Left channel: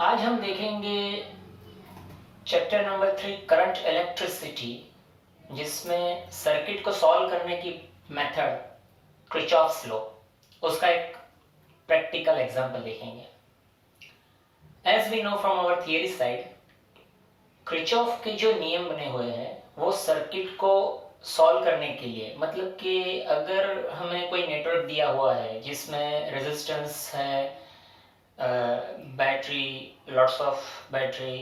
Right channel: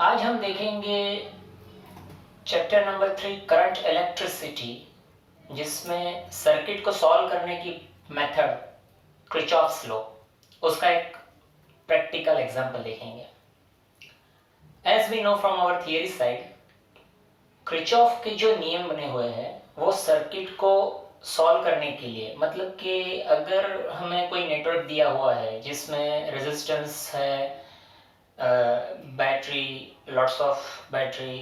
आज हम देखेंगे चैप्टर नंबर 3 करंट इलेक्ट्रिसिटी, जिसमें सर्किट को सॉल्व करने की मेथड किरचॉफ्स लॉ, उसका एक प्रैक्टिकल एग्जांपल देखेंगे। As we know from our theory side, Kirchhoff के जो नियम बने हुए हैं वो सर्किट को सॉल्व करने के लिए, मतलब कि अगर हमें कोई नेटवर्क दिया हुआ है जिसमें रेजिस्टेंस है, battery, lots of battery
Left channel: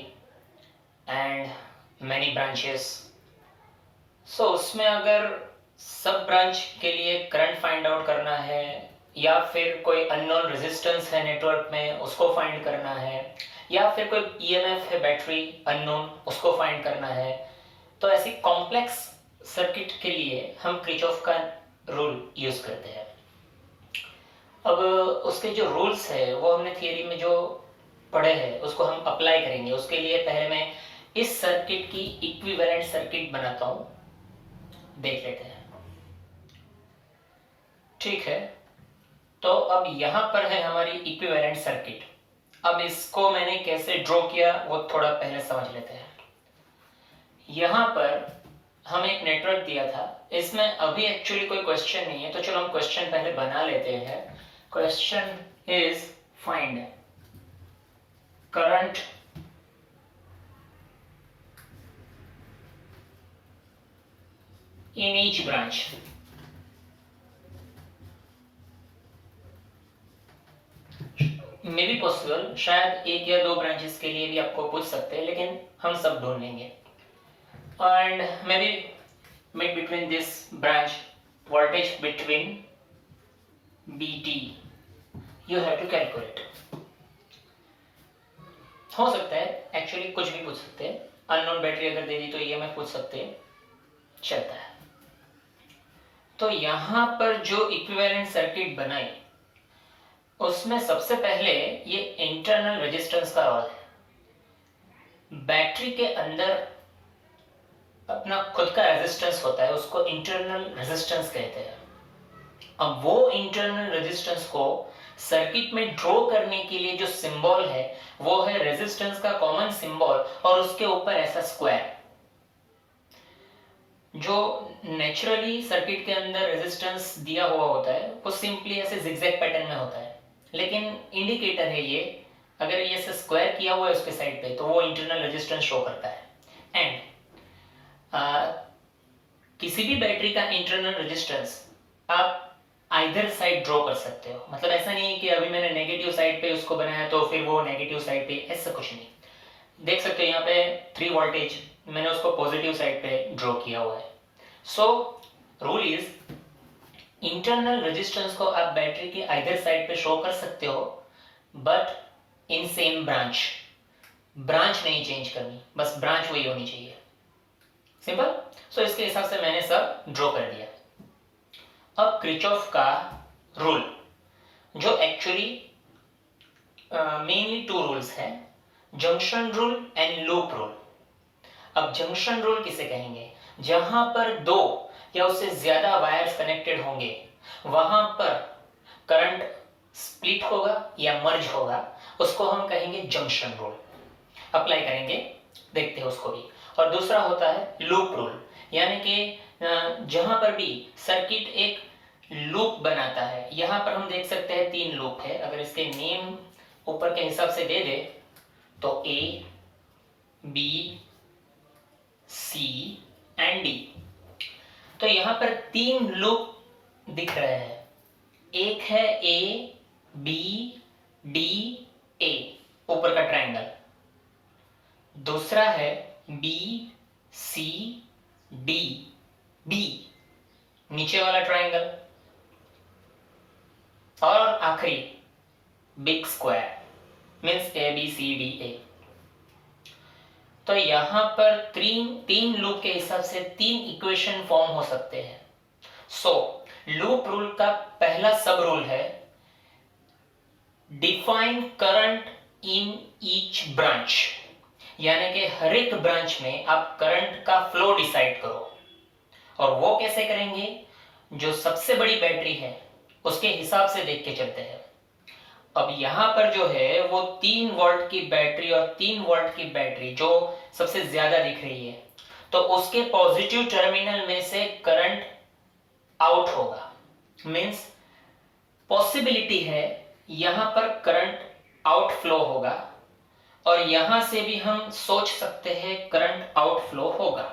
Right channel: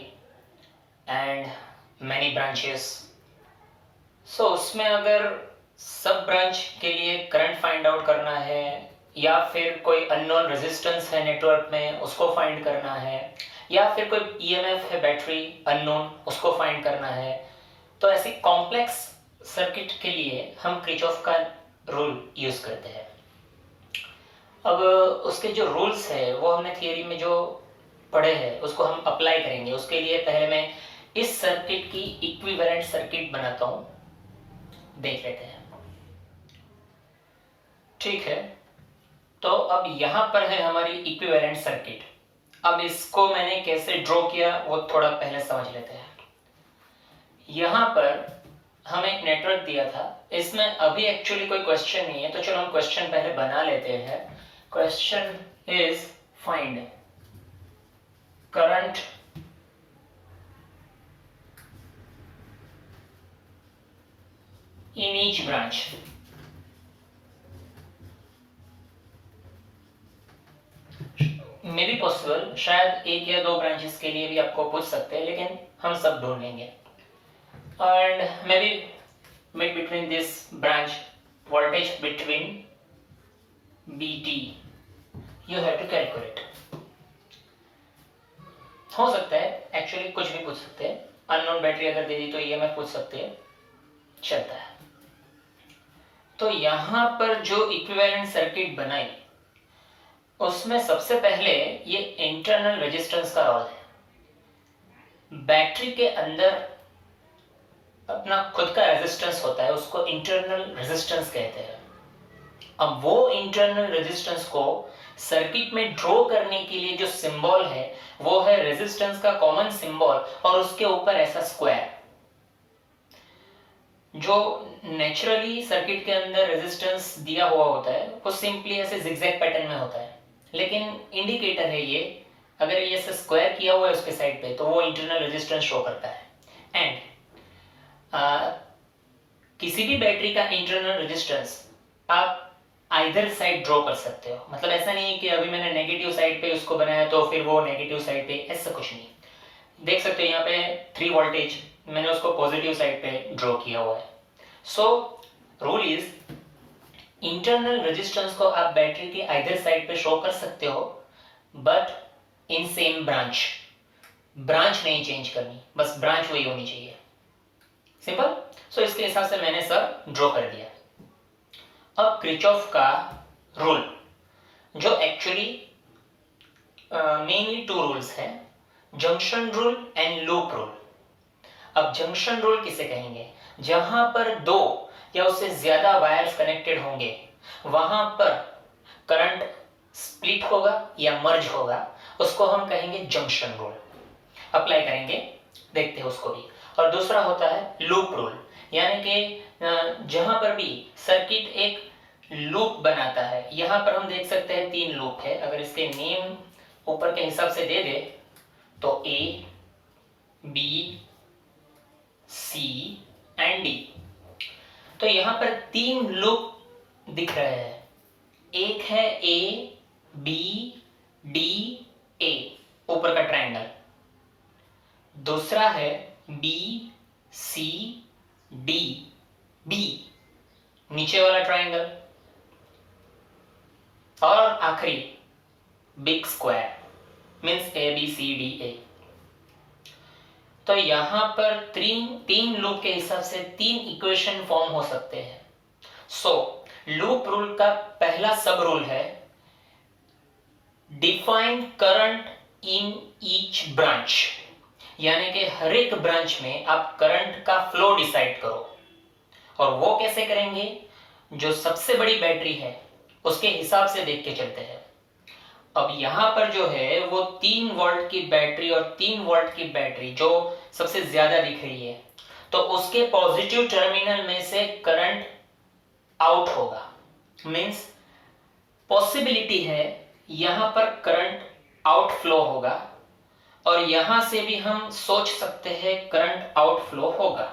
and many branches, so उसमें अगर सब ब्रांच के लिए करंट फाइंड आउट करना है या फिर कोई अननोन रेजिस्टेंस है नेटवर्क में उसको फाइंड करना है, या फिर कोई ईएमएफ है बैटरी अननोन उसको फाइंड करना है, तो ऐसी कॉम्प्लेक्स सर्किट के लिए हम किरचॉफ का रूल यूज करते हैं। अब उसके जो रूल्स है वो हमने थियरी में जो पढ़े हैं उसको हम अप्लाई करेंगे। उसके लिए पहले मैं इस सर्किट की इक्विवेलेंट सर्किट बनाता हूं, देख लेते हैं। ठीक है, तो अब यहां पर है हमारी इक्विवेलेंट सर्किट। अब इसको मैंने कैसे ड्रॉ किया वो थोड़ा पहले समझ लेते हैं। यहां पर हम एक नेटवर्क दिया था, इसमें अभी एक्चुअली कोई क्वेश्चन नहीं है, तो चलो हम क्वेश्चन पहले बना लेते हैं। Question is find current in each branch। May be possible, शायद एक या दो ब्रांचेस के लिए भी आपको पूछ सकते हैं, लेकिन हम सब ढूंढ लेंगे। And may be make between this branch voltage between BT you have to calculate. हो सकता है एक्चुअली कुछ भी पूछ सकते हैं, अननोन बैटरी अगर दे दी तो EMF पूछ सकते हैं, चलता है। तो यहां पर जो इक्विवेलेंट सर्किट बनाई उसमें सबसे पहले ये इंटरनल रेजिस्टेंस का रोल है। बैटरी के अंदर अपना खुद का रेजिस्टेंस होता है, उसको इंटरनल रेजिस्टेंस कहते हैं। अब वो इंटरनल रेजिस्टेंस को सर्किट में ड्रॉ करने के लिए जो सिंबल है वो है रेजिस्टेंस का कॉमन सिंबल और उसके ऊपर ऐसा स्क्वायर। जो नेचुरली सर्किट के अंदर रेजिस्टेंस दिया हुआ होता है वो सिंपली ऐसे जिगजैग पैटर्न में होता है, लेकिन इंडिकेटर है ये, अगर ये ऐसे स्क्वायर किया हुआ है उसके साइड पे तो वो इंटरनल रेजिस्टेंस शो करता है। एंड किसी भी बैटरी का इंटरनल रेजिस्टेंस आप आइदर साइड ड्रॉ कर सकते हो, मतलब ऐसा नहीं कि अभी मैंने नेगेटिव साइड पे उसको बनाया तो फिर वो नेगेटिव साइड पे, ऐसा कुछ नहीं। देख सकते हो यहाँ पे 3 वोल्टेज मैंने उसको पॉजिटिव साइड पे ड्रॉ किया हुआ है। So rule is internal resistance को आप बैटरी के आइदर साइड पे शो कर सकते हो, but in same branch. Branch नहीं चेंज करनी, बस ब्रांच वही होनी चाहिए, सिंपल। सो इसके हिसाब से मैंने सब ड्रॉ कर दिया। अब किरचॉफ का रूल, जो एक्चुअली मेनली 2 रूल्स हैं, junction rule and loop rule. अब जंक्शन रूल किसे कहेंगे? जहां पर 2 या उससे ज्यादा वायर्स कनेक्टेड होंगे वहां पर करंट स्प्लिट होगा या मर्ज होगा, उसको हम कहेंगे जंक्शन रूल। अप्लाई करेंगे, देखते हैं उसको भी। और दूसरा होता है लूप रूल, यानी कि जहां पर भी सर्किट एक लूप बनाता है, यहां पर हम देख सकते हैं 3 लूप है। अगर इसके नेम ऊपर के हिसाब से दे दे तो A, B, C and D। तो यहां पर 3 लूप दिख रहे हैं। एक है A, B, D, A, ऊपर का ट्रायंगल। दूसरा है B, C, D, B, नीचे वाला ट्रायंगल। और आखिरी बिग स्क्वायर, मीन्स ABCDA। तो यहां पर 3 लूप के हिसाब से 3 इक्वेशन फॉर्म हो सकते हैं। सो लूप रूल का पहला सब रूल है define current in each branch, यानी कि हर एक ब्रांच में आप करंट का फ्लो डिसाइड करो। और वो कैसे करेंगे? जो सबसे बड़ी बैटरी है उसके हिसाब से देख के चलते हैं। अब यहाँ पर जो है वो 3 वोल्ट की बैटरी और 3 वोल्ट की बैटरी जो सबसे ज्यादा दिख रही है, तो उसके पॉजिटिव टर्मिनल में से करंट आउट होगा। मींस पॉसिबिलिटी है यहां पर करंट आउटफ्लो होगा, और यहां से भी हम सोच सकते हैं करंट आउटफ्लो होगा।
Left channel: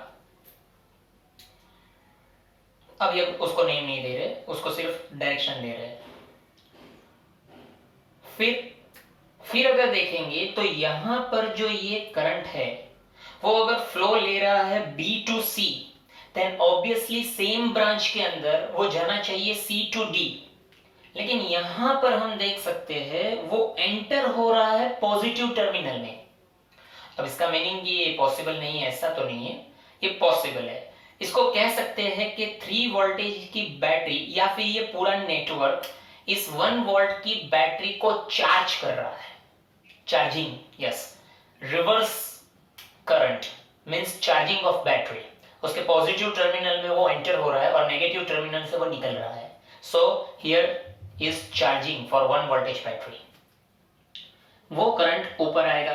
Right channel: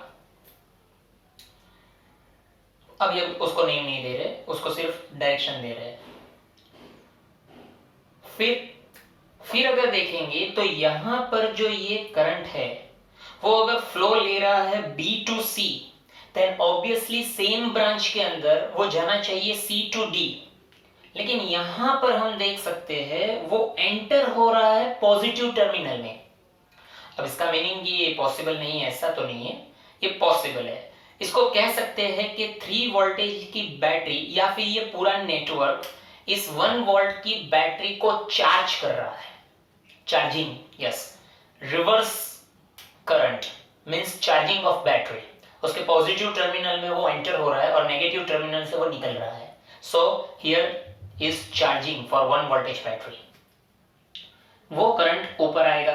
अब ये उसको नेम नहीं दे रहे, उसको सिर्फ डायरेक्शन दे रहे हैं। फिर अगर देखेंगे तो यहां पर जो ये करंट है वो अगर फ्लो ले रहा है B to C, then obviously same branch के अंदर वो जाना चाहिए C टू D। लेकिन यहां पर हम देख सकते हैं वो एंटर हो रहा है पॉजिटिव टर्मिनल में। अब इसका मीनिंग ये पॉसिबल नहीं है, ऐसा तो नहीं है, ये पॉसिबल है। इसको कह सकते हैं कि 3 वोल्टेज की बैटरी या फिर ये पूरा नेटवर्क इस 1 वोल्ट की बैटरी को चार्ज कर रहा है। Charging, yes, reverse current means charging of battery. उसके पॉजिटिव टर्मिनल में वो एंटर हो रहा है और नेगेटिव टर्मिनल से वो निकल रहा है। So here is charging for 1 voltage battery. वो करंट ऊपर आएगा।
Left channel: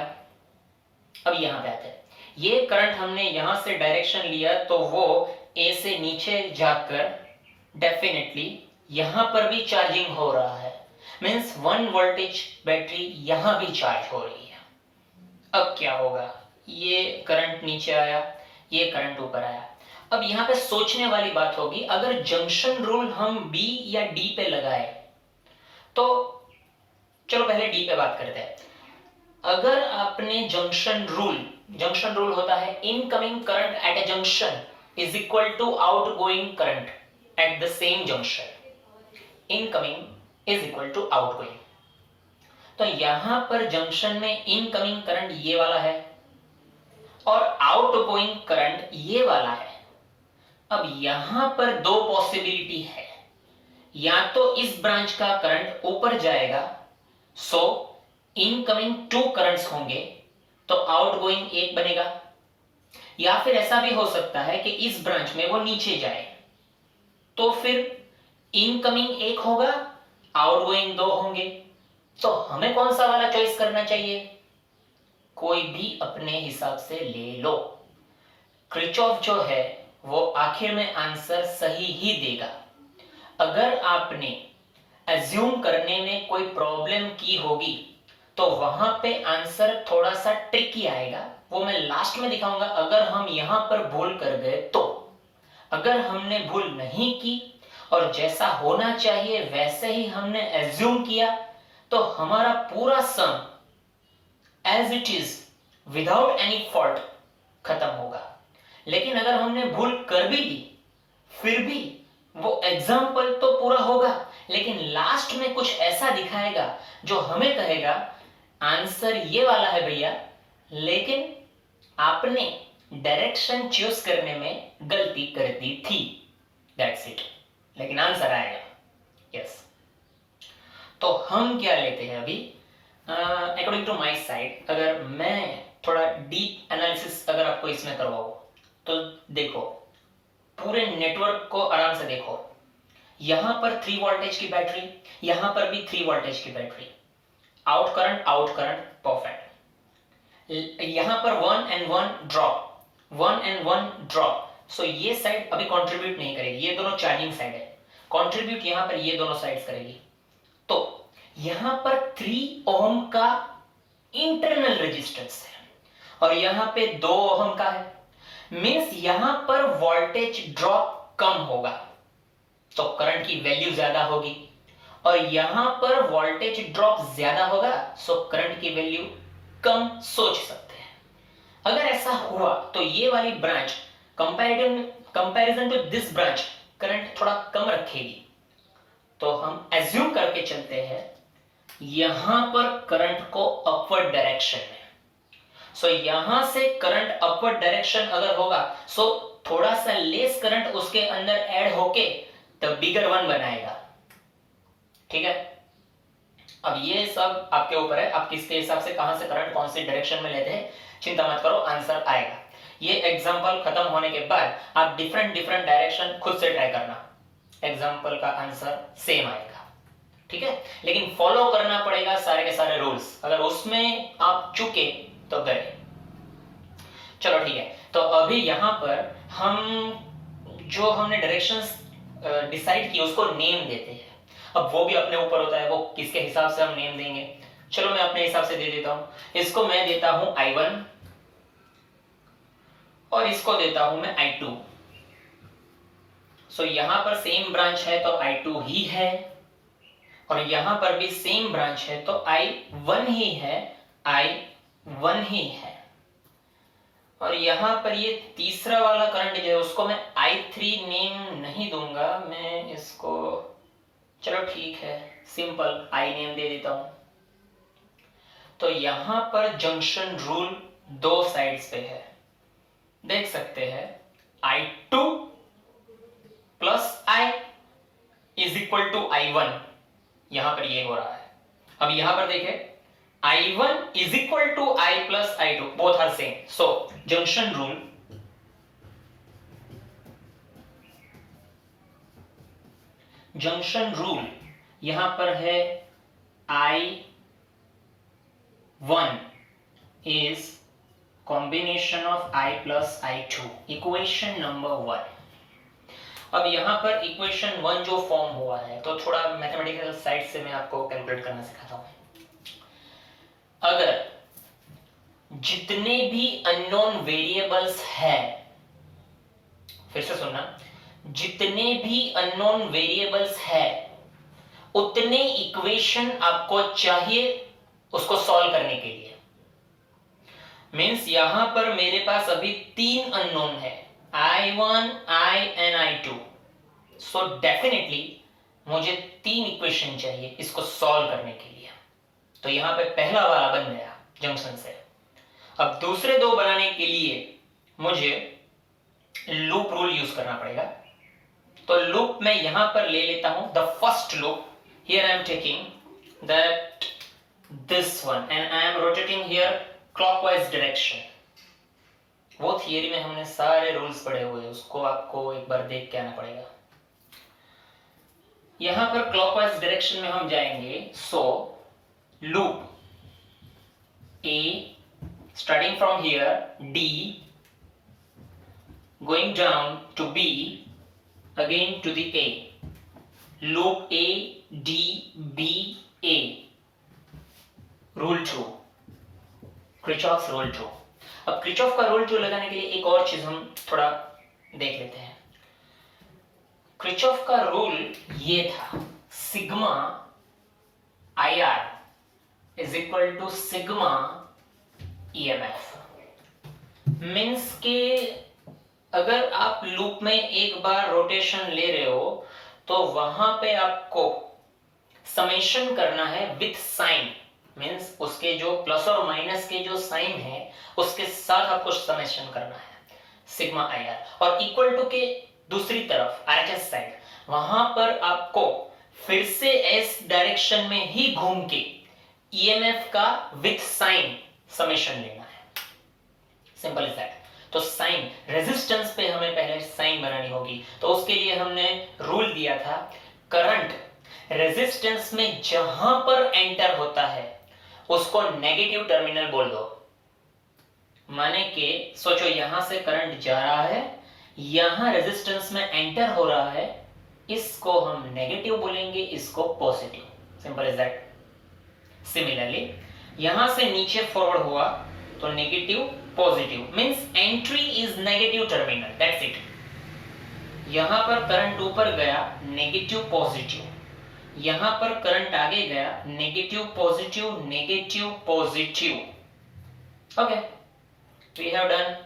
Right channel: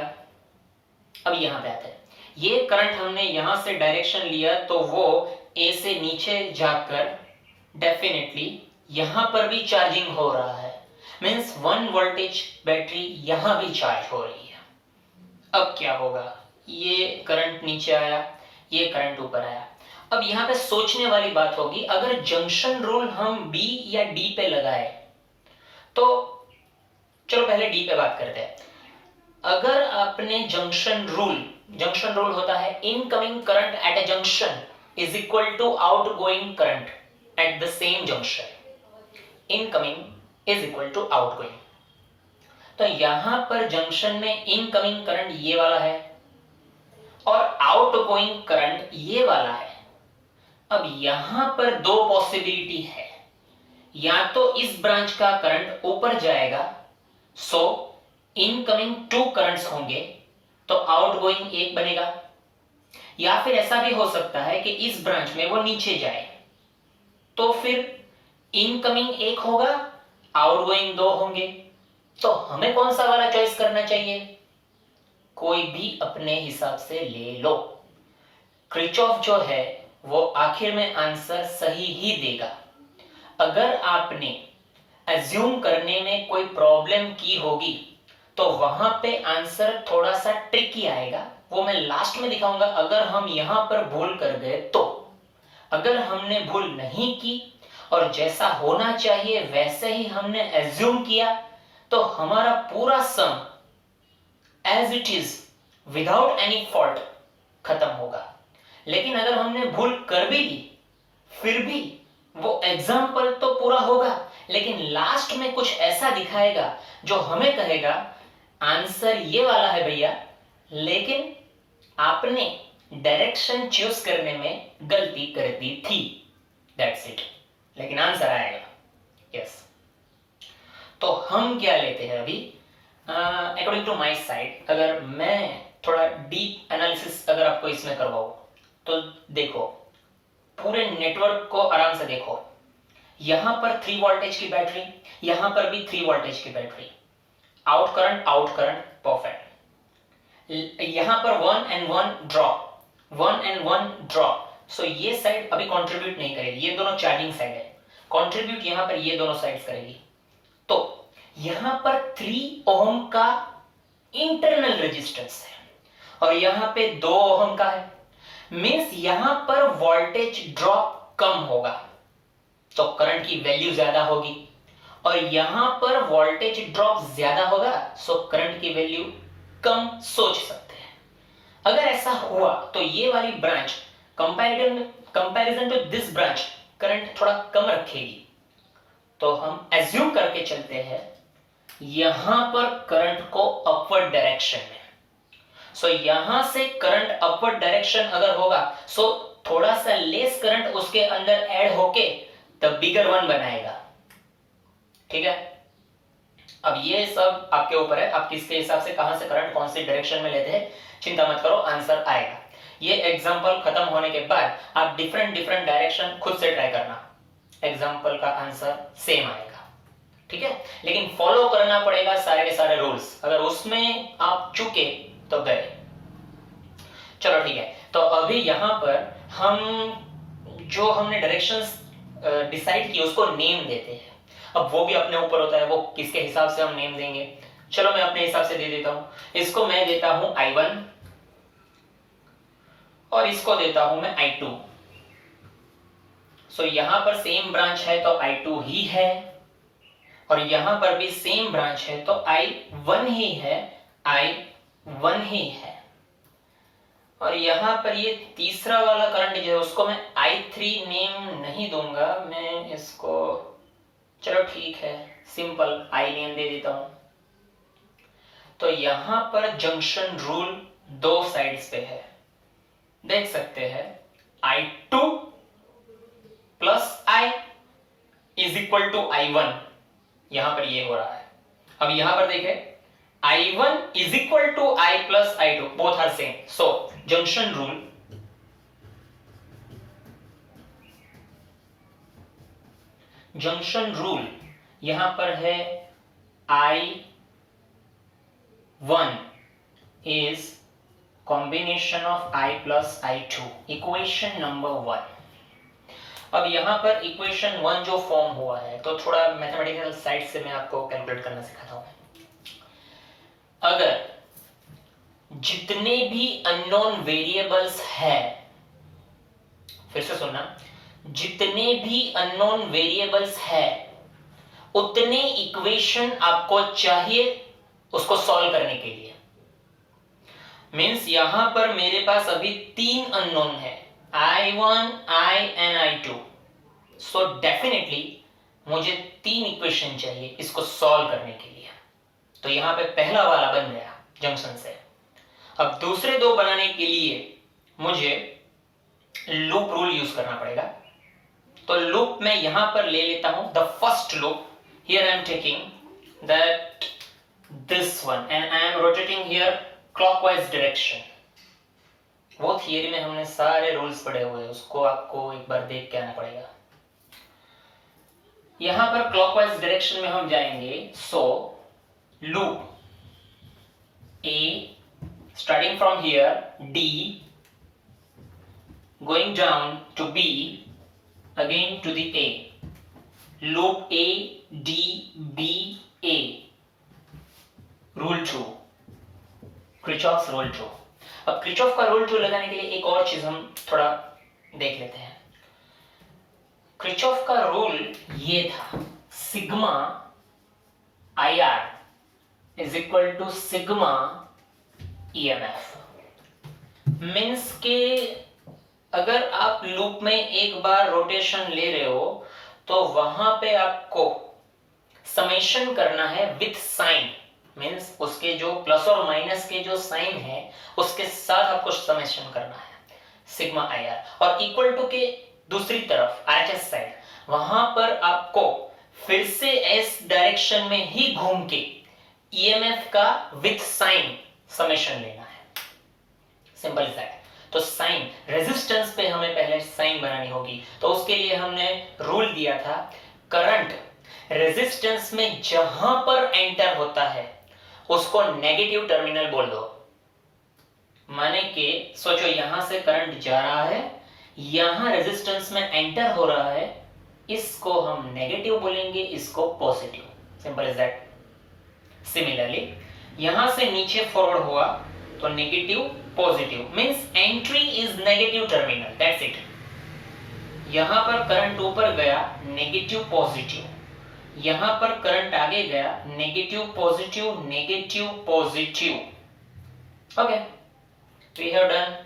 अब यहां पे आते हैं, ये करंट हमने यहां से डायरेक्शन लिया तो वो ए से नीचे जाकर डेफिनेटली यहां पर भी चार्जिंग हो रहा है। मींस 1 वोल्टेज बैटरी यहां भी चार्ज हो रही है। अब क्या होगा, ये करंट नीचे आया, ये करंट ऊपर आया। अब यहां पे सोचने वाली बात होगी, अगर जंक्शन रूल हम बी या डी पे लगाए तो चलो पहले डी पे बात करते हैं। अगर आपने जंक्शन रूल होता है incoming current at a junction is equal to outgoing current at the same junction. Incoming is equal to outgoing. तो यहां पर जंक्शन में इनकमिंग करंट ये वाला है और आउटगोइंग करंट ये वाला है। अब यहां पर दो पॉसिबिलिटी है, या तो इस ब्रांच का करंट ऊपर जाएगा, सो इनकमिंग 2 करंट्स होंगे तो आउटगोइंग 1 बनेगा, या फिर ऐसा भी हो सकता है कि इस ब्रांच में वो नीचे जाए तो फिर इनकमिंग 1 होगा, आउटगोइंग 2 होंगे। तो हमें कौन सा वाला चॉइस करना चाहिए? कोई भी अपने हिसाब से ले लो। क्रिचॉफ जो है वो आखिर में आंसर सही ही देगा। अगर आपने एज्यूम करने में कोई प्रॉब्लम की होगी तो वहां पे आंसर थोड़ा सा ट्रिकी आएगा, वो मैं लास्ट में दिखाऊंगा। अगर हम यहां पर भूल कर गए तो, अगर हमने भूल नहीं की और जैसा होना चाहिए वैसे ही हमने एज्यूम किया तो हमारा पूरा sum as it is without any fault खत्म होगा। लेकिन अगर हमने भूल कर भी ली फिर भी वो एग्जाम्पल तो पूरा होगा, लेकिन लास्ट में कुछ ऐसा दिखाएगा जो हमें कहेगा आंसर ये वाला है भैया, लेकिन आपने डायरेक्शन चूज करने में गलती कर दी थी, दैट्स इट। लेकिन आंसर आएगा, यस। तो हम क्या लेते हैं अभी, अकॉर्डिंग टू माई साइड, अगर मैं थोड़ा डीप एनालिसिस अगर आपको इसमें करवाऊं तो देखो, पूरे नेटवर्क को आराम से देखो। यहां पर 3 वोल्टेज की बैटरी, यहां पर भी 3 वोल्टेज की बैटरी, आउट करंट परफेक्ट। यहां पर 1 and 1 ड्रॉप, सो ये साइड अभी कंट्रीब्यूट नहीं करेगी, ये दोनों चार्जिंग साइड है। कंट्रीब्यूट यहां पर ये दोनों साइड्स करेगी। तो यहां पर 3 ओम का इंटरनल रेजिस्टेंस है और यहां पे 2 ओम का है। मींस यहां पर वोल्टेज ड्रॉप कम होगा तो करंट की वैल्यू ज्यादा होगी, और यहां पर वोल्टेज ड्रॉप ज्यादा होगा सो करंट की वैल्यू कम सोच सकते हैं। अगर ऐसा हुआ तो ये वाली branch comparison to this branch current थोड़ा कम रखेगी। तो हम एज्यूम करके चलते हैं यहां पर करंट को अपवर्ड डायरेक्शन में, सो यहां से करंट अपवर्ड डायरेक्शन अगर होगा सो थोड़ा सा लेस करंट उसके अंदर ऐड होके द बिगर वन बनाएगा, ठीक है। अब ये सब आपके ऊपर है, आप किसके हिसाब से कहां से करंट कौन सी डायरेक्शन में लेते हैं, चिंता मत करो, आंसर आएगा। ये एग्जांपल खत्म होने के बाद आप डिफरेंट डायरेक्शन खुद से ट्राई करना, एग्जांपल का आंसर सेम आएगा, ठीक है, लेकिन फॉलो करना पड़ेगा सारे के सारे रूल्स, अगर उसमें आप चुके तो गए। चलो ठीक है, तो अभी यहां पर हम जो हमने डायरेक्शंस डिसाइड की उसको नेम देते हैं। अब वो भी अपने ऊपर होता है, वो किसके हिसाब से हम नेम देंगे। चलो मैं अपने हिसाब से दे देता हूं, इसको मैं देता हूं I1 और इसको देता हूं मैं I2। सो यहां पर सेम ब्रांच है तो I2 ही है, और यहां पर भी सेम ब्रांच है तो I1 ही है, I1 ही है। और यहां पर ये तीसरा वाला करंट जो है उसको मैं I3 नेम नहीं दूंगा, मैं इसको, चलो ठीक है, सिंपल I नेम दे देता हूं। तो यहां पर जंक्शन रूल दो साइड्स पे है, देख सकते हैं, I2 plus I is equal to I1, यहां पर ये हो रहा है। अब यहां पर देखें, I1 is equal to I plus I2, both are same. So junction rule, junction rule यहां पर है I1 is combination of I plus I2, equation number 1। अब यहां पर इक्वेशन 1 जो फॉर्म हुआ है, तो थोड़ा मैथमेटिकल साइड से मैं आपको कैलकुलेट करना सिखाता हूं। अगर जितने भी अननोन वेरिएबल्स है, फिर से सुनना, जितने भी अननोन वेरिएबल्स है उतने इक्वेशन आपको चाहिए उसको सॉल्व करने के लिए। मींस यहां पर मेरे पास अभी 3 अननोन है, I1, I and I2। So definitely मुझे 3 इक्वेशन चाहिए इसको सॉल्व करने के लिए। तो यहां पे पहला वाला बन गया जंक्शन से। अब दूसरे दो बनाने के लिए मुझे लूप रूल यूज करना पड़ेगा। तो लूप मैं यहां पर ले लेता हूं, the first loop, here I am taking that this one and I am rotating here clockwise direction. वो थियरी में हमने सारे रूल्स पढ़े हुए हैं, उसको आपको एक बार देख के आना पड़ेगा। यहां पर क्लॉकवाइज डायरेक्शन में हम जाएंगे। सो loop A starting from here, D going down to B, again to the A, loop A, D, B, A, rule 2, Kirchhoff's rule 2। अब Kirchhoff का rule 2 लगाने के लिए एक और चीज हम थोड़ा देख लेते हैं। Kirchhoff का रूल ये था, sigma IR is equal to sigma EMF। Means के अगर आप लूप में एक बार रोटेशन ले रहे हो तो वहां पे आपको समेशन करना है विथ साइन, मीन्स उसके जो प्लस और माइनस के जो साइन है उसके साथ आपको समेशन करना है सिग्मा IR। और इक्वल टू के दूसरी तरफ RHS साइड, वहां पर आपको फिर से एस डायरेक्शन में ही घूम के EMF का विथ साइन समेशन लेना है, सिंपल इज दैट। तो साइन रेजिस्टेंस पे हमें पहले साइन बनानी होगी, तो उसके लिए हमने रूल दिया था, करंट रेजिस्टेंस में जहां पर एंटर होता है उसको नेगेटिव टर्मिनल बोल दो। माने के सोचो यहां से करंट जा रहा है, यहां रेजिस्टेंस में एंटर हो रहा है, इसको हम नेगेटिव बोलेंगे, इसको positive, simple is that. Similarly यहां से नीचे फॉरवर्ड हुआ तो negative positive, means entry is negative terminal, that's it. यहां पर करंट ऊपर गया, नेगेटिव पॉजिटिव, यहां पर करंट आगे गया, negative positive, negative positive. Okay, we have done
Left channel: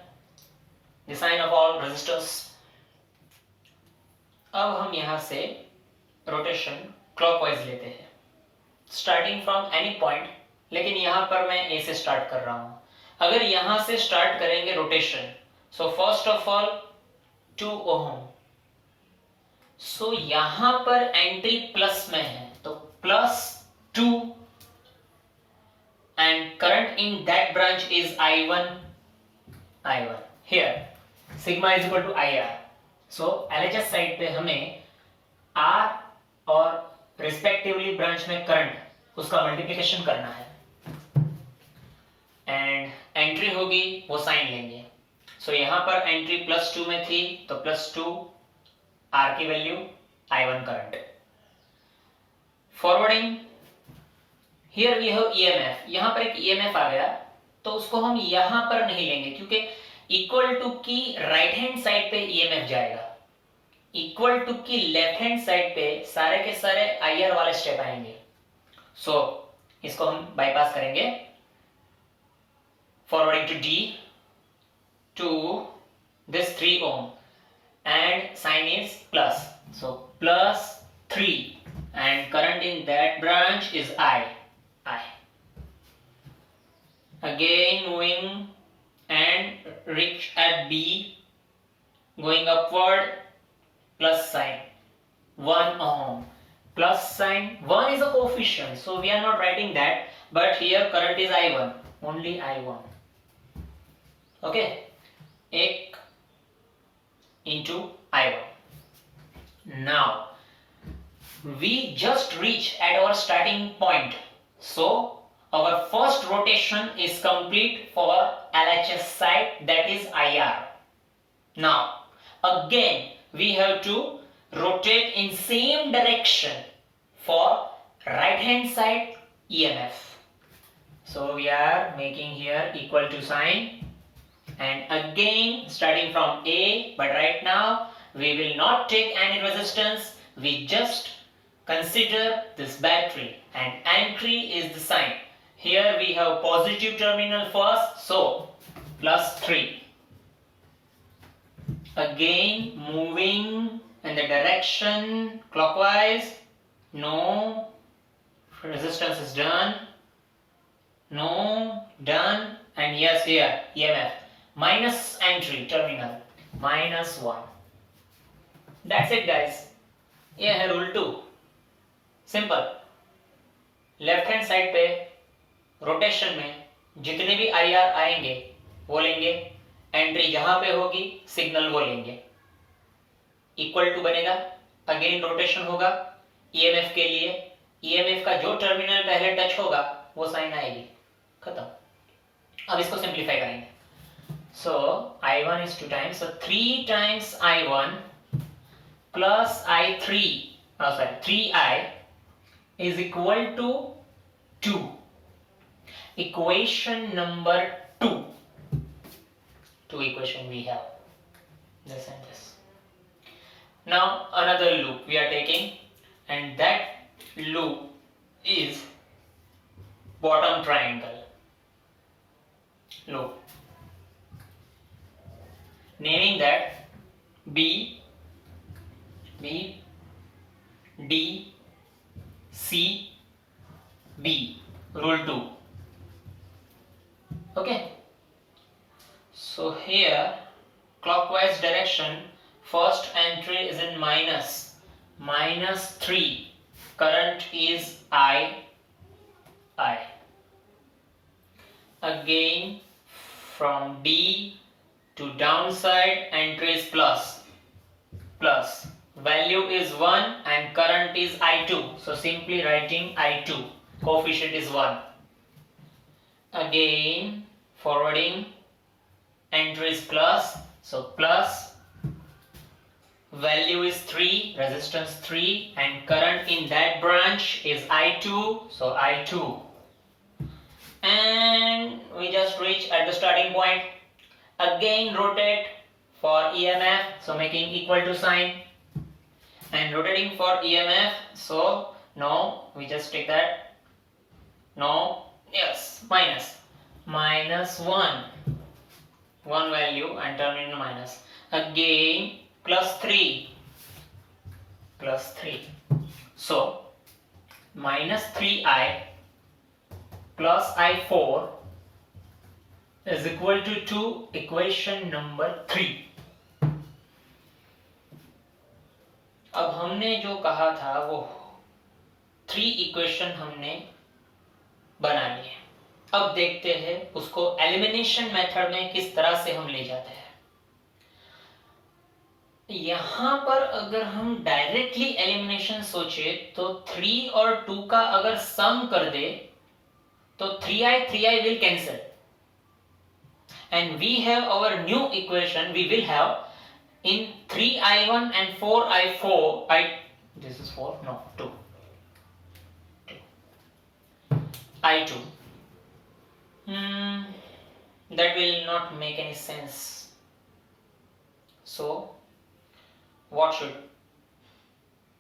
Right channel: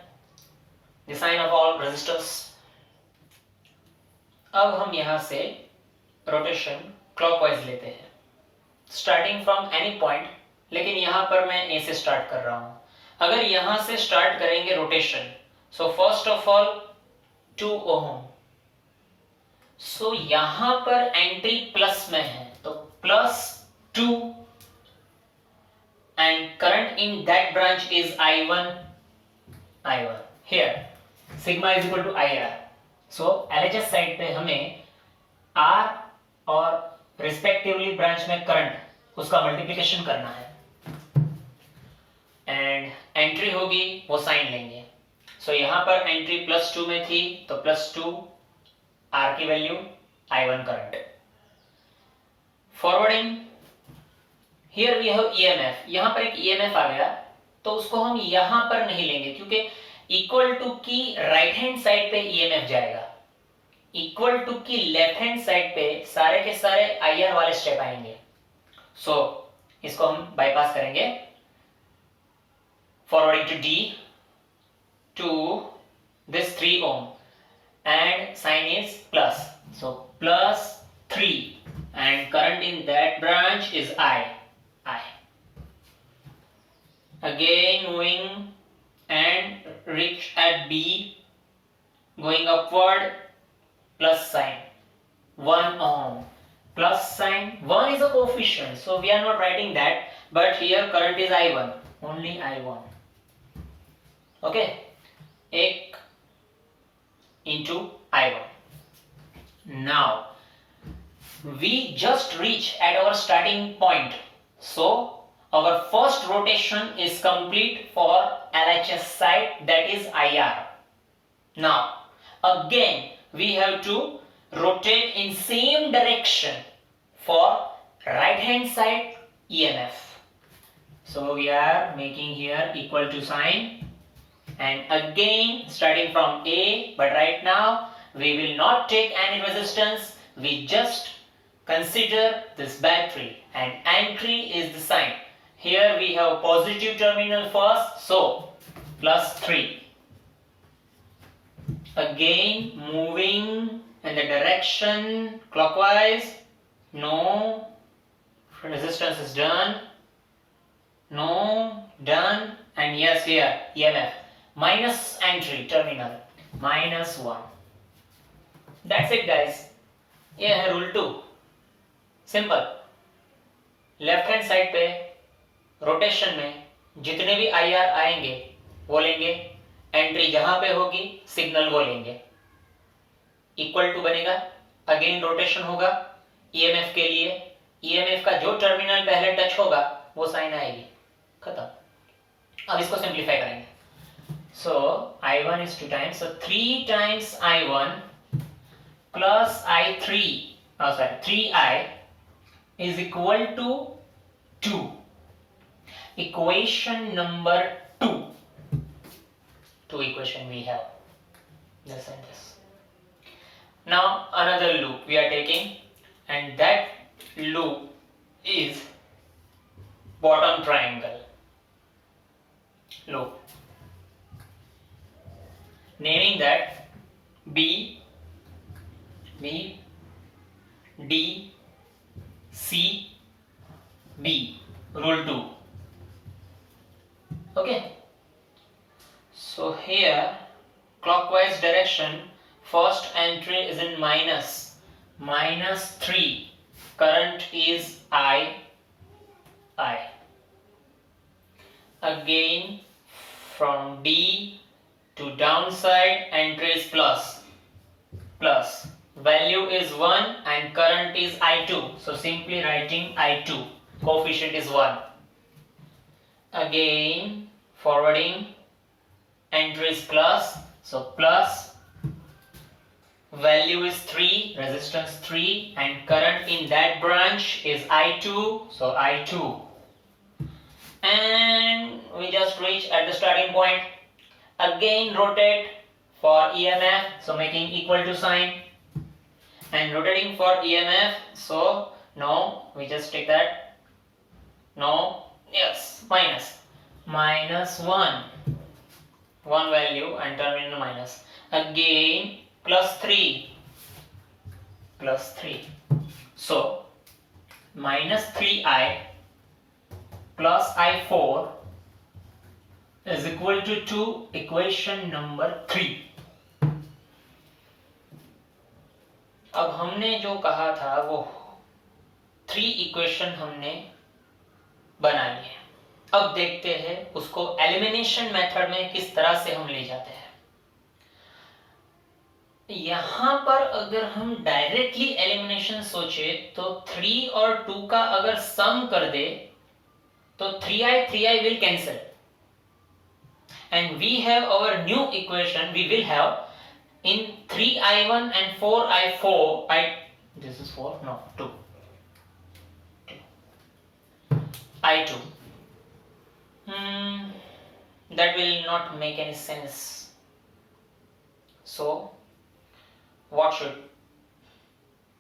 the sign of all resistors. अब हम यहां से रोटेशन क्लॉकवाइज लेते हैं, स्टार्टिंग फ्रॉम एनी पॉइंट, लेकिन यहां पर मैं ए से स्टार्ट कर रहा हूं। अगर यहां से स्टार्ट करेंगे rotation, so first of all 2 ohm, so यहां पर एंट्री प्लस में है तो +2 and current in that branch is I1 here sigma is equal to IR। So LHS side पे हमें R और रिस्पेक्टिवली ब्रांच में करंट उसका मल्टीप्लिकेशन करना है एंड एंट्री होगी वो साइन लेंगे। सो यहां पर एंट्री +2 में थी तो +2 आर की value I1 current. Forwarding here we have EMF, यहां पर एक ईएमएफ आ गया तो उसको हम यहां पर नहीं लेंगे क्योंकि इक्वल टू की राइट हैंड साइड पे ईएमएफ जाएगा, इक्वल टू की लेफ्ट हैंड साइड पे सारे के सारे आईआर वाले स्टेप आएंगे। सो इसको हम बाईपास करेंगे। Forwarding to D to this 3 ohm and sign is plus, so +3 and current in that branch is I. Again moving and reach at B, going upward, plus sign 1 ohm, plus sign 1 is a coefficient so we are not writing that, but here current is I1, only I1. Okay, 1 into I1. Now we just reach at our starting point, so our first rotation is complete for LHS side, that is IR. Now again we have to rotate in same direction for right hand side EMF. So we are making here equal to sign and again starting from A, but right now we will not take any resistance, we just consider this battery and entry is the sign. Here we have positive terminal first, so +3. Again moving in the direction clockwise, no resistance is done, no done, and yes here EMF minus entry terminal -1. That's it guys, ये है rule 2, simple. Left hand side पे rotation में जितने भी IR आएंगे वो लेंगे, entry जहां पे होगी सिग्नल वो लेंगे, इक्वल टू बनेगा, अगेन रोटेशन होगा EMF के लिए, EMF का जो टर्मिनल पहले टच होगा वो साइन आएगी, खत्म। अब इसको सिंप्लीफाई करेंगे। So I1 is 2 times, so 3 times I1 plus I3, 3I is equal to 2. Equation number 2. Two equation we have, this and this. Now another loop we are taking, and that loop is bottom triangle loop. Naming that B, D, C, B, rule 2. Okay, so here clockwise direction, first entry is in -3, current is I. Again from D to downside, entry is plus, value is 1 and current is I2, so simply writing I2, coefficient is 1. Again forwarding, entry is plus, so plus, value is 3, resistance 3, and current in that branch is I2, so I2. And we just reach at the starting point. Again rotate for EMF, so making equal to sign, and rotating for EMF, so no, we just take that, no, yes, -1 value and terminal minus, again +3, so -3I plus I4 is equal to 2, equation number 3. अब हमने जो कहा था वो 3 equation हमने बना लिए, अब देखते हैं उसको एलिमिनेशन मेथड में किस तरह से हम ले जाते हैं। यहां पर अगर हम डायरेक्टली एलिमिनेशन सोचे तो 3 और 2 का अगर सम कर दे तो 3i will cancel and we have our new equation. We will have in 3i1 and 4i4 this is 4 no 2 i2 that will not make any sense. So what should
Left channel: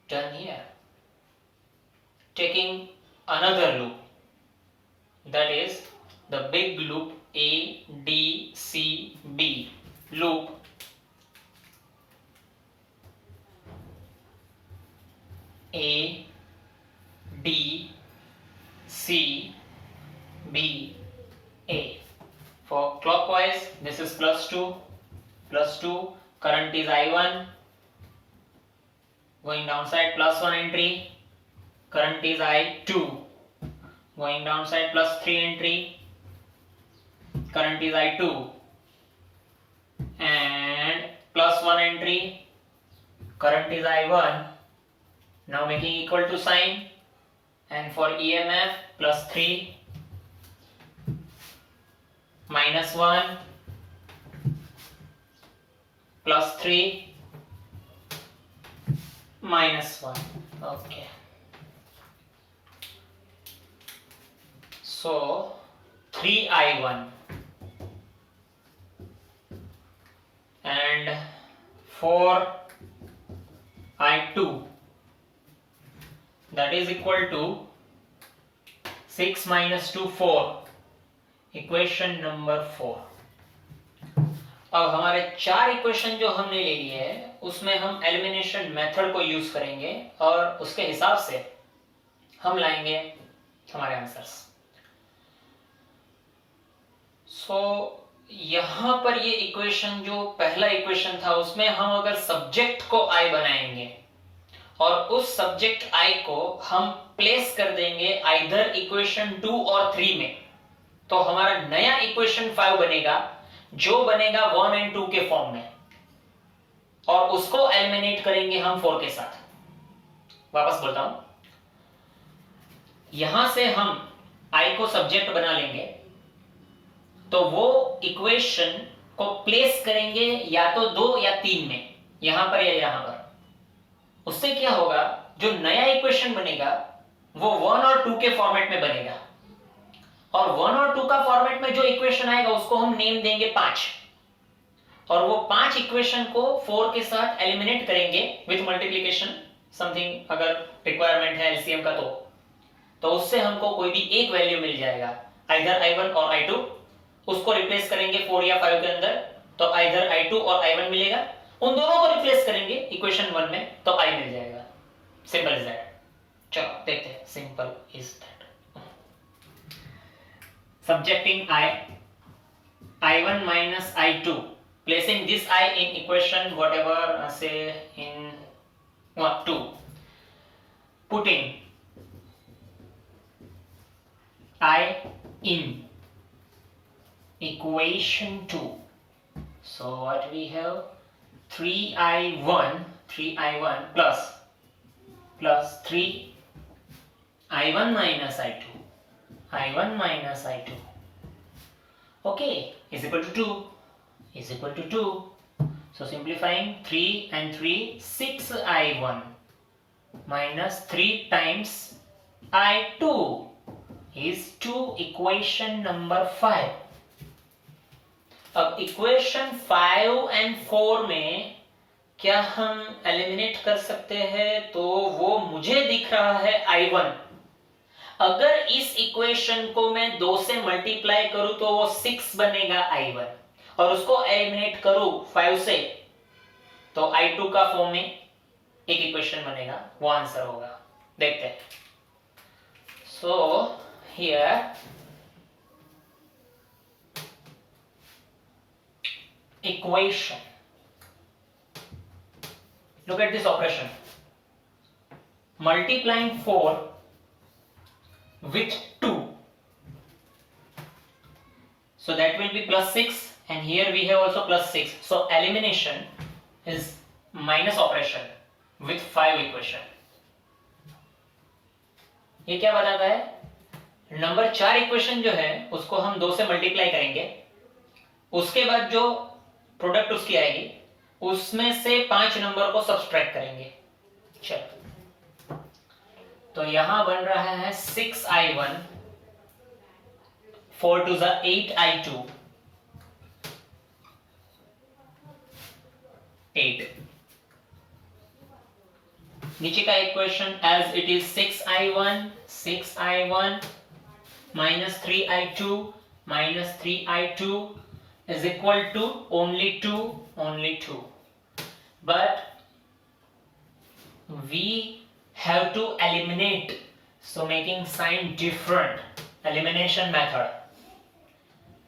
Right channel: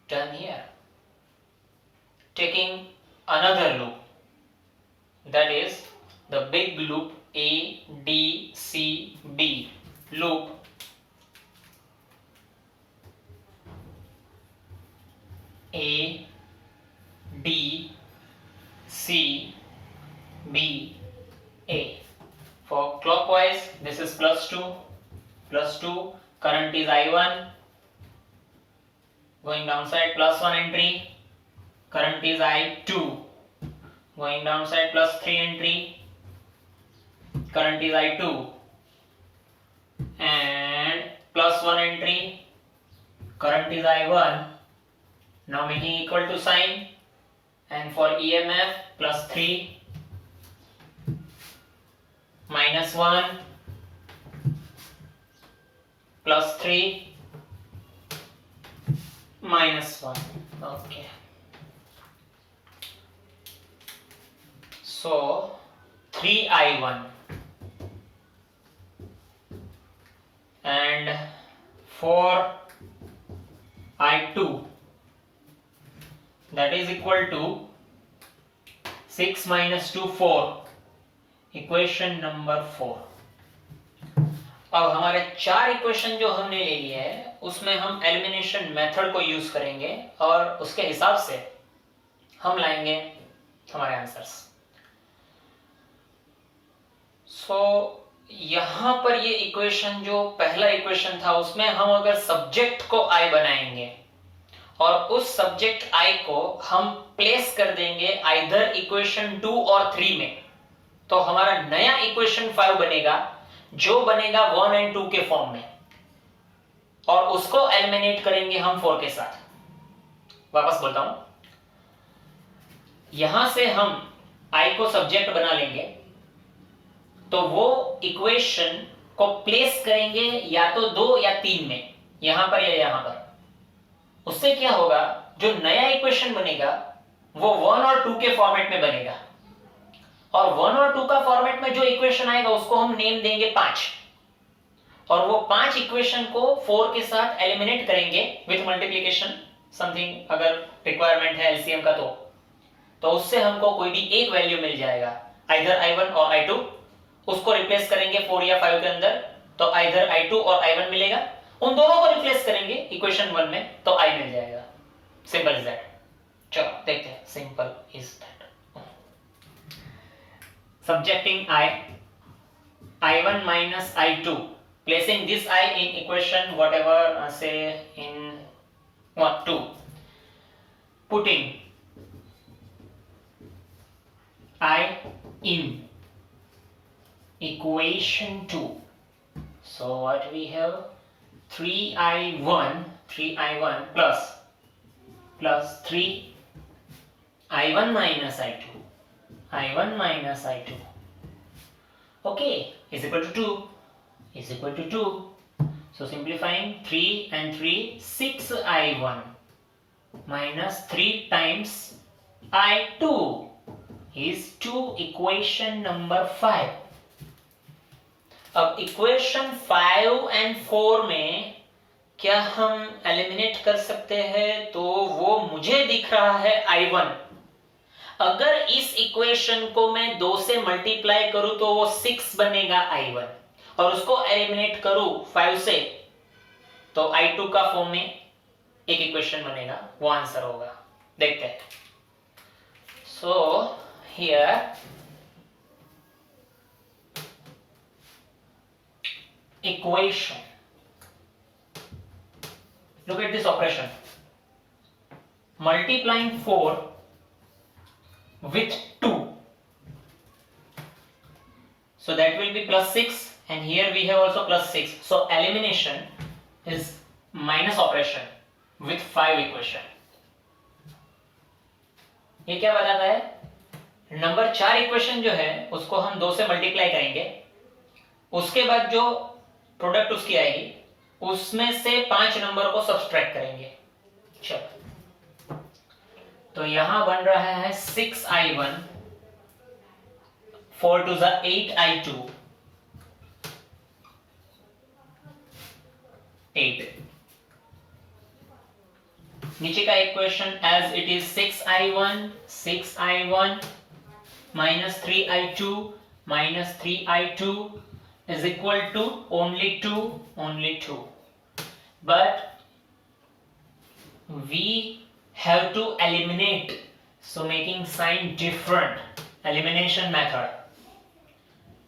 done here? Taking another loop, that is the big loop A D C B loop. A D C B A. For clockwise, this is +2 current is I1, going downside +1 entry, current is I2, going downside +3 entry, current is I2, and +1 entry, current is I1, now making equal to sign, and for EMF +3 -1 +3 -1. Okay, so 3i1 and 4i2, that is equal to 6 minus 2 4, equation number 4. अब हमारे 4 equation जो हमने ले लिए है उसमें हम elimination method को यूज करेंगे और उसके हिसाब से हम लाएंगे हमारे आंसर्स. सो यहां पर ये इक्वेशन जो पहला इक्वेशन था उसमें हम अगर सब्जेक्ट को आई बनाएंगे और उस सब्जेक्ट आई को हम प्लेस कर देंगे आइदर इक्वेशन 2 और 3 में, तो हमारा नया इक्वेशन 5 बनेगा जो बनेगा 1 और 2 के फॉर्म में, और उसको एलिमिनेट करेंगे हम 4 के साथ. वापस बोलता हूं, यहां से हम i को सब्जेक्ट बना लेंगे तो वो इक्वेशन को प्लेस करेंगे या तो 2 या 3 में, यहां पर या यहां पर. उससे क्या होगा, जो नया इक्वेशन बनेगा वो 1 और 2 के फॉर्मेट में बनेगा, और 1 और 2 का फॉर्मेट में जो इक्वेशन आएगा उसको हम नेम देंगे 5, और वो 5 इक्वेशन को 4 के साथ एलिमिनेट करेंगे विथ मल्टीप्लिकेशन समथिंग, अगर रिक्वायरमेंट है एलसीएम का तो उससे हमको कोई भी एक वैल्यू मिल जाएगा, आइदर i1 और i2. उसको रिप्लेस करेंगे 4 या 5 के अंदर तो आइदर i2 और i1 मिलेगा, उन दोनों को रिप्लेस करेंगे इक्वेशन 1 में तो i मिल जाएगा. Simple is that. चलो देखते हैं, simple is that. Subjecting i1 minus i2, placing this I in equation whatever, say in 2, putting I in equation 2. So what we have, 3i1 plus 3i1 minus i2 okay is equal to 2. So simplifying 3 and 3, 6i1 minus 3 times i2 is 2, equation number 5. अब equation 5 and 4 में क्या हम eliminate कर सकते हैं, तो वो मुझे दिख रहा है i1. अगर इस इक्वेशन को मैं 2 से मल्टीप्लाई करूं तो वो 6 बनेगा i1, और उसको एलिमिनेट करूं 5 से तो i2 का फॉर्म में एक इक्वेशन बनेगा, वो आंसर होगा. देखते हैं. So here equation, look at this operation, multiplying 4 with 2, so that will be +6, and here we have also +6, so elimination is minus operation with 5 equation. ये क्या बताता है? नंबर 4 इक्वेशन जो है उसको हम 2 से मल्टीप्लाई करेंगे, उसके बाद जो प्रोडक्ट उसकी आएगी उसमें से 5 नंबर को सब्सट्रैक्ट करेंगे। चलो, तो यहां बन रहा है 6i1, 4 to the 8i2, 8। नीचे का equation as it is 6i1 minus 3i2 minus 3i2 is equal to only 2, but we have to eliminate, so making sign different, elimination method,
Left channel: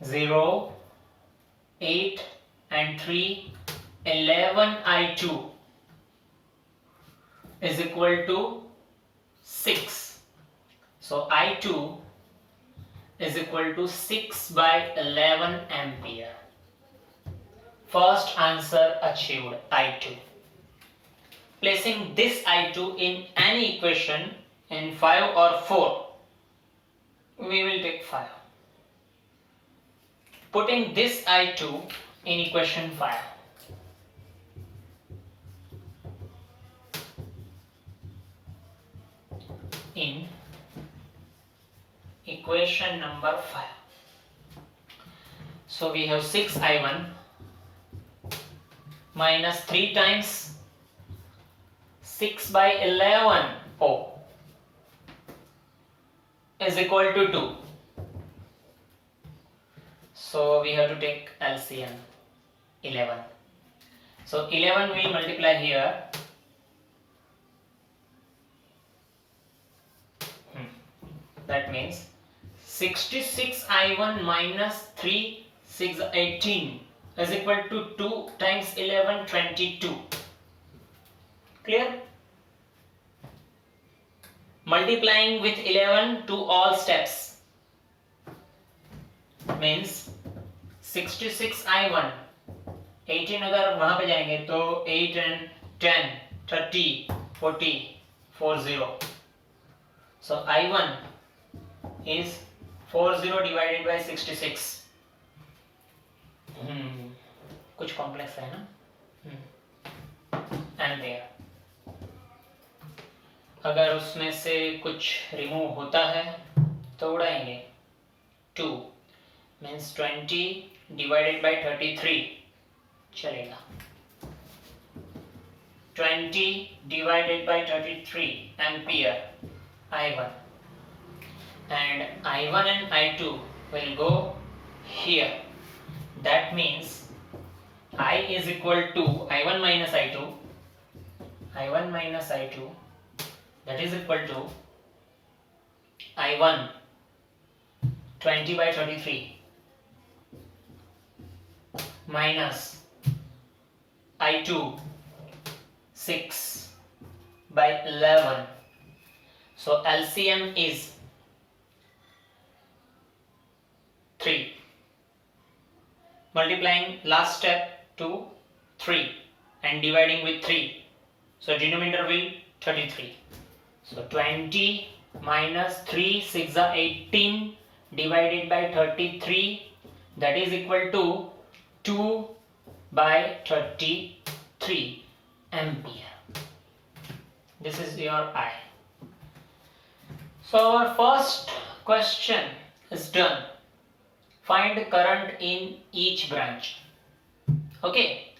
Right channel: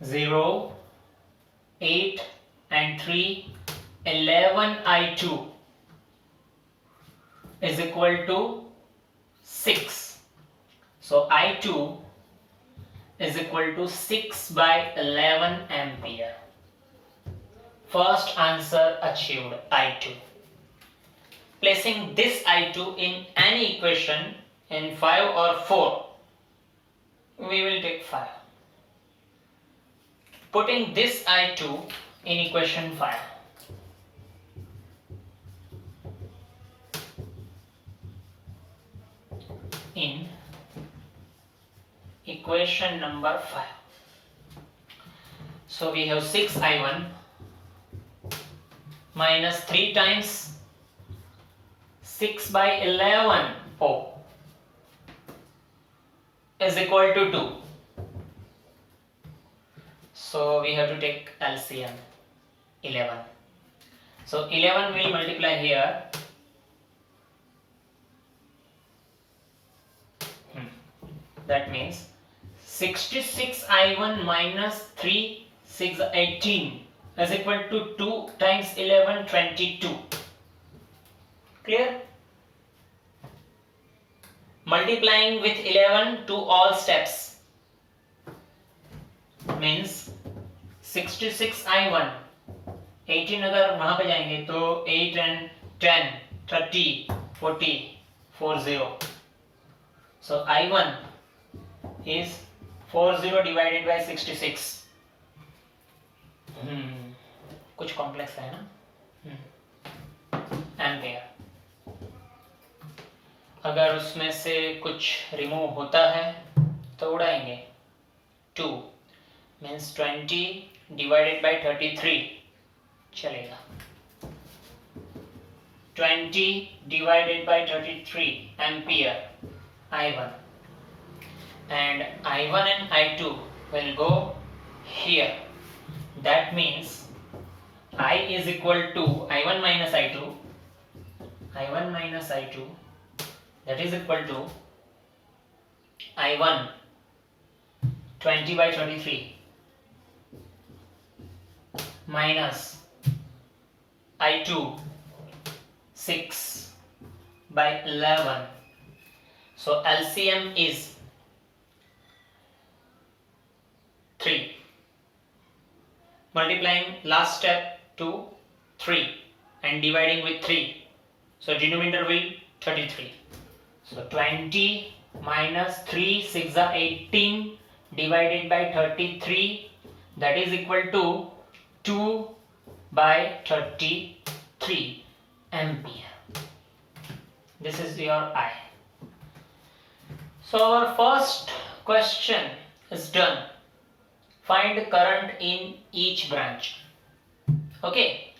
0, 8 and 3, 11i2 is equal to 6, so i2 is equal to 6 by 11 ampere. First answer achieved, I2. Placing this I2 in any equation in 5 or 4, we will take 5. Putting this I2 in equation 5. In equation number 5. So we have 6i1 minus 3 times 6 by 11 is equal to 2. So we have to take LCM, 11. So 11 will multiply here. That means 66i1 minus 3, 6, 18 is equal to 2 times 11, 22. Clear? Multiplying with 11 to all steps means 66i1, 18 अगर वहां पे जाएंगे तो 8 and 10, 30, 40, 40. So i1 is 40 divided by 66. कुछ complex है ना, ampere. अगर उसमें से कुछ रिमूव होता है तो उड़ाएंगे। 2 मीन्स 20 डिवाइडेड बाय 33 चलेगा। 20 divided by 33 ampere I1, and I1 and I2 will go here. That means I is equal to I1 minus I2, that is equal to I1 20 by 33 minus I2 6 by 11. So LCM is 3. Multiplying last step to 3 and dividing with 3. So denominator will 33. So 20 minus 3, 6 are 18 divided by 33, that is equal to 2 by 33 ampere. This is your I. So our first question is done. Find current in each branch. Okay.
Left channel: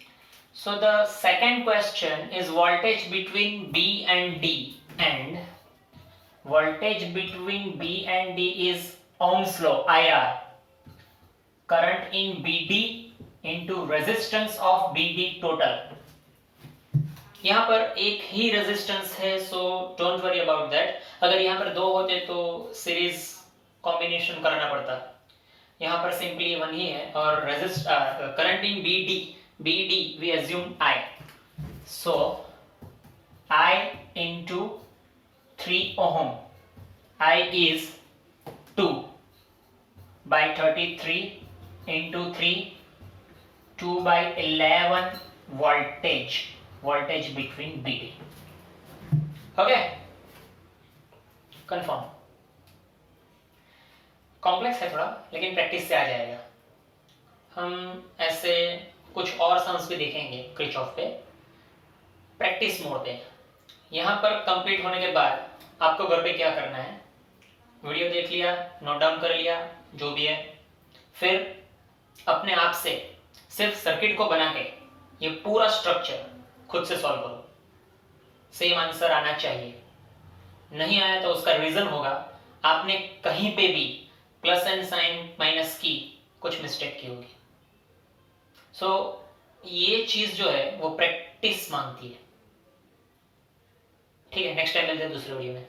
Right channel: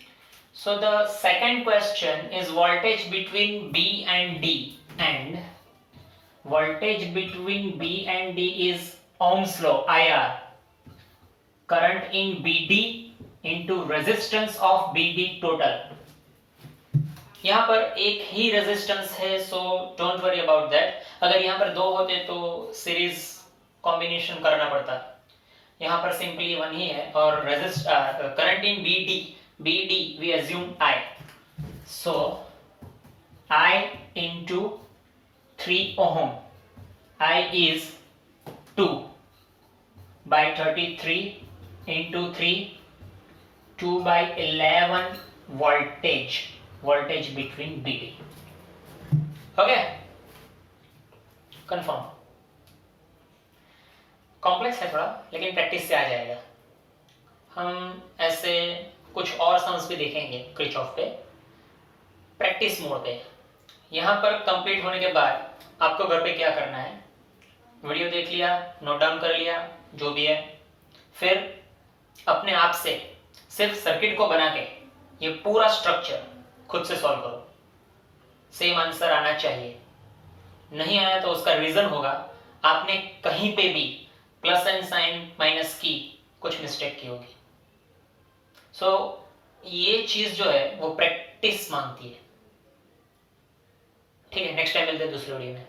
So the second question is voltage between B and D, and voltage between B and D is Ohm's law, IR. Current in BD into resistance of BD total. यहाँ पर एक ही resistance है, so don't worry about that. अगर यहाँ पर 2 होते तो series combination करना पड़ता, यहाँ पर सिंपली 1 ही है। और current in BD we assume I, so I into 3 ohm, I is 2 by 33 into 3, 2 by 11 voltage voltage between BD। हो गया? कंफर्म। कॉम्प्लेक्स है थोड़ा, लेकिन प्रैक्टिस से आ जाएगा। हम ऐसे कुछ और सम्स भी देखेंगे क्रिचॉफ पे, प्रैक्टिस मोड पे। यहाँ पर कंप्लीट होने के बाद आपको घर पे क्या करना है, वीडियो देख लिया, नोट डाउन कर लिया, जो भी है, फिर अपने आप से सिर्फ सर्किट को बना के ये पूरा स्ट्रक्चर खुद से सॉल्व करो। सेम आंसर आना चाहिए। नहीं आया तो उसका रीजन होगा आपने कहीं पे भी प्लस एंड साइन माइनस की कुछ मिस्टेक की होगी। सो ये चीज जो है वो प्रैक्टिस मांगती है। ठीक है, नेक्स्ट टाइम मिलते हैं दूसरे वीडियो में।